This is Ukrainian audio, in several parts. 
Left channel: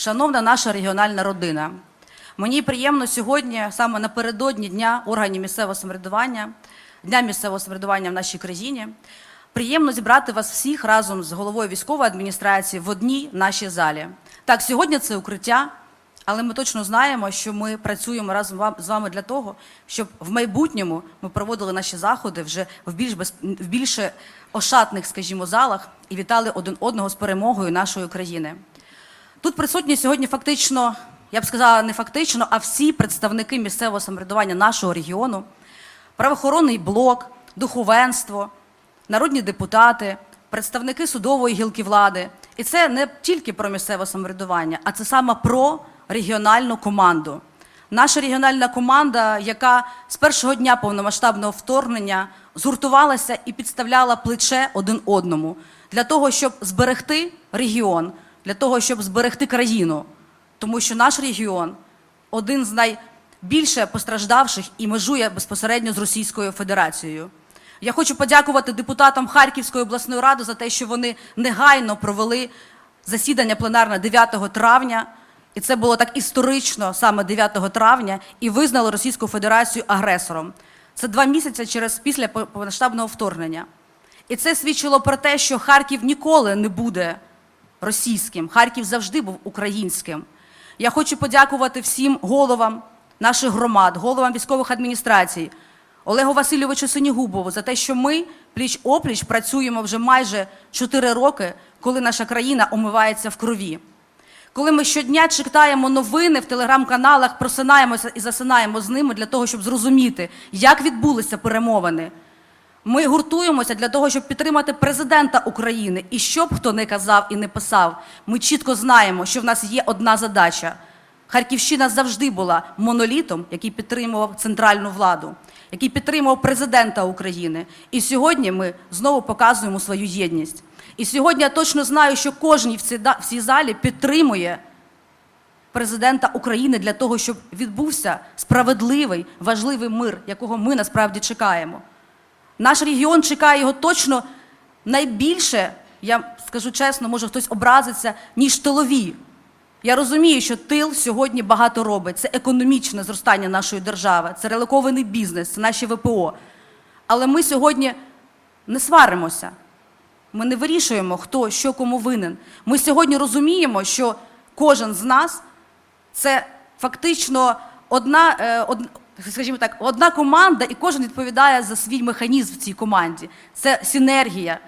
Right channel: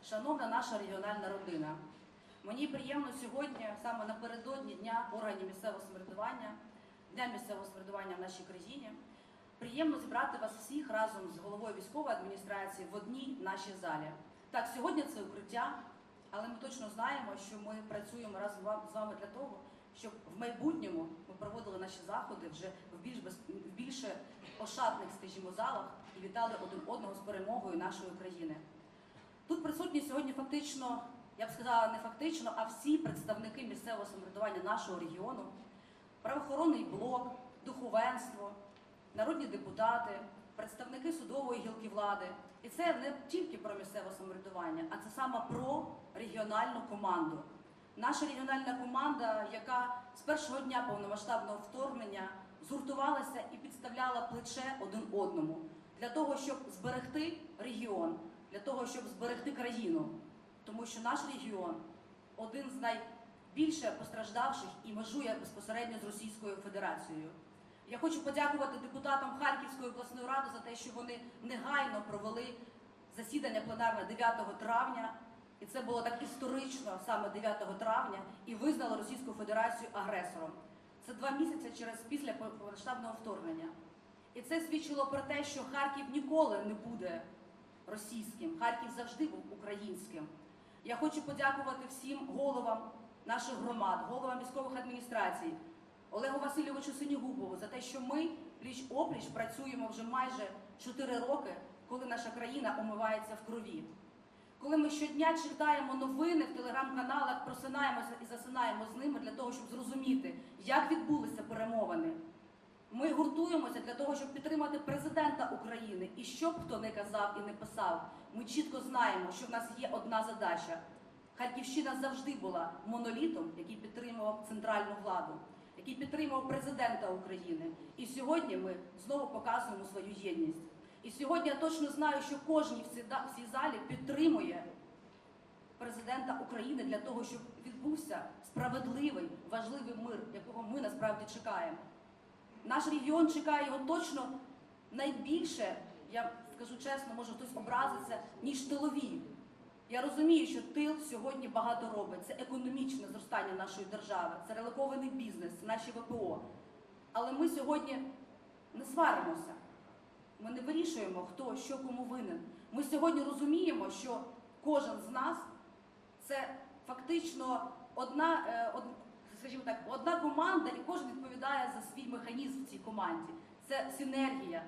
Шановна наша регіональна родина, мені приємно сьогодні, саме напередодні Дня органів місцевого самоврядування, Дня місцевого самоврядування в нашій країні, приємно зібрати вас всіх разом з головою військової адміністрації в одній нашій залі. Так, сьогодні це укриття, але ми точно знаємо, що ми працюємо разом з вами для того, щоб в майбутньому ми проводили наші заходи вже в більш без в більше ошатних, скажімо, залах і вітали один одного з перемогою нашої країни. Тут присутні сьогодні фактично, я б сказала, не фактично, а всі представники місцевого самоврядування нашого регіону, правоохоронний блок, духовенство, народні депутати, представники судової гілки влади. І це не тільки про місцеве самоврядування, а це саме про регіональну команду. Наша регіональна команда, яка з першого дня повномасштабного вторгнення згуртувалася і підставляла плече один одному для того, щоб зберегти регіон, для того, щоб зберегти країну. Тому що наш регіон один з найбільше постраждавших і межує безпосередньо з Російською Федерацією. Я хочу подякувати депутатам Харківської обласної ради за те, що вони негайно провели засідання пленарне 9 травня. І це було так історично саме 9 травня, і визнали Російську Федерацію агресором. Це два місяці через після повномасштабного вторгнення. І це свідчило про те, що Харків ніколи не буде російським. Харків завжди був українським. Я хочу подякувати всім головам наших громад, головам військових адміністрацій, Олегу Васильовичу Синігубову за те, що ми пліч опліч працюємо вже майже 4 роки, коли наша країна омивається в крові. Коли ми щодня читаємо новини в телеграм-каналах, просинаємося і засинаємо з ними для того, щоб зрозуміти, як відбулися перемовини. Ми гуртуємося для того, щоб підтримати президента України. І що б хто не казав і не писав, ми чітко знаємо, що в нас є одна задача. Харківщина завжди була монолітом, який підтримував центральну владу, який підтримував президента України. І сьогодні ми знову показуємо свою єдність. І сьогодні я точно знаю, що кожен в цій залі підтримує президента України для того, щоб відбувся справедливий, важливий мир, якого ми насправді чекаємо. Наш регіон чекає його точно найбільше, я скажу чесно, може хтось образиться, ніж тилові. Я розумію, що тил сьогодні багато робить. Це економічне зростання нашої держави, це релокований бізнес, це наші ВПО. Але ми сьогодні не сваримося. Ми не вирішуємо, хто що кому винен. Ми сьогодні розуміємо, що кожен з нас це фактично одна, е, од, скажімо так, одна команда, і кожен відповідає за свій механізм в цій команді. Це синергія,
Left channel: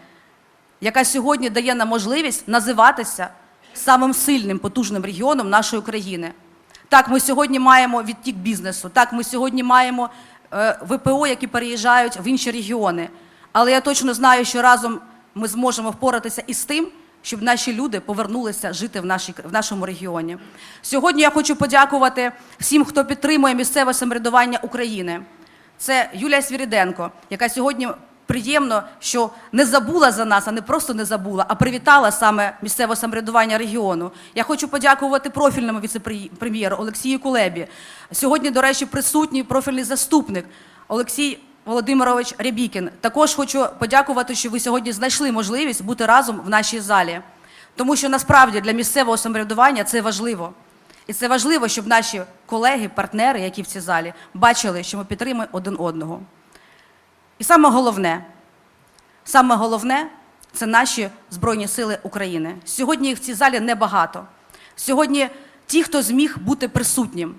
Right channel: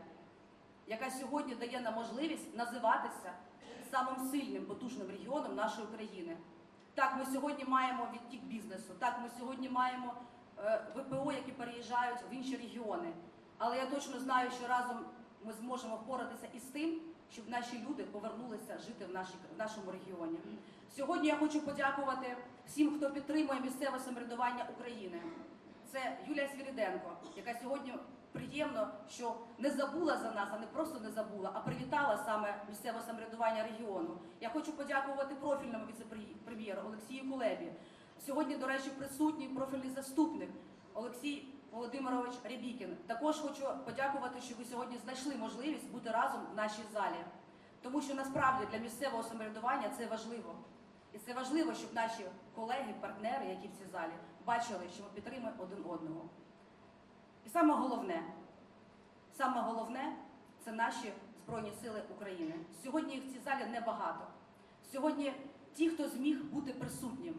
яка сьогодні дає нам можливість називатися самим сильним, потужним регіоном нашої країни. Так, ми сьогодні маємо відтік бізнесу, так, ми сьогодні маємо е, ВПО, які переїжджають в інші регіони. Але я точно знаю, що разом ми зможемо впоратися із тим, щоб наші люди повернулися жити в, нашій, в нашому регіоні. Сьогодні я хочу подякувати всім, хто підтримує місцеве самоврядування України. Це Юлія Свіріденко, яка сьогодні приємно, що не забула за нас, а не просто не забула, а привітала саме місцеве самоврядування регіону. Я хочу подякувати профільному віце-прем'єру Олексію Кулебі. Сьогодні, до речі, присутній профільний заступник Олексій Володимирович Рябікін. Також хочу подякувати, що ви сьогодні знайшли можливість бути разом в нашій залі. Тому що насправді для місцевого самоврядування це важливо. І це важливо, щоб наші колеги, партнери, які в цій залі, бачили, що ми підтримуємо один одного. І саме головне, саме головне це наші Збройні Сили України. Сьогодні їх в цій залі небагато. Сьогодні ті, хто зміг бути присутнім.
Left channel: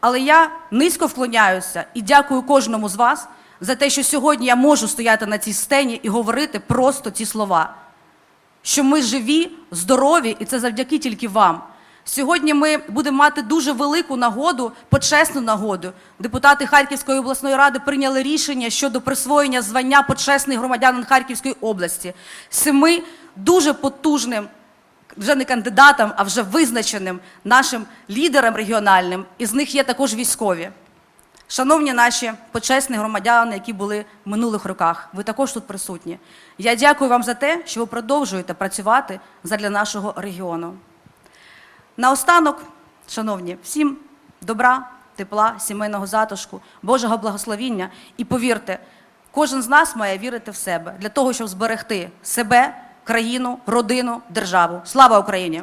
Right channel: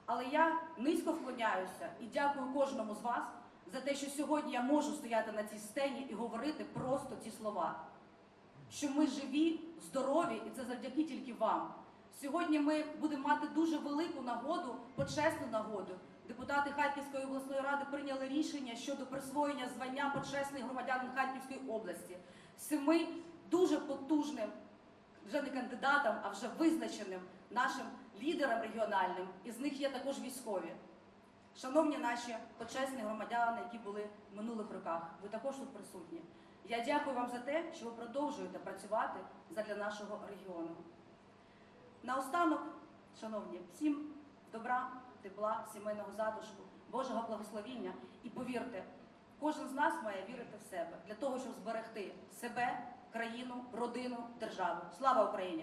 Але я низько вклоняюся і дякую кожному з вас за те, що сьогодні я можу стояти на цій сцені і говорити просто ці слова що ми живі, здорові, і це завдяки тільки вам. Сьогодні ми будемо мати дуже велику нагоду, почесну нагоду. Депутати Харківської обласної ради прийняли рішення щодо присвоєння звання почесний громадянин Харківської області семи дуже потужним, вже не кандидатам, а вже визначеним нашим лідерам регіональним. Із них є також військові. Шановні наші почесні громадяни, які були в минулих роках, ви також тут присутні. Я дякую вам за те, що ви продовжуєте працювати задля нашого регіону. Наостанок, шановні, всім добра, тепла, сімейного затишку, Божого благословіння. І повірте, кожен з нас має вірити в себе для того, щоб зберегти себе, країну, родину, державу. Слава Україні!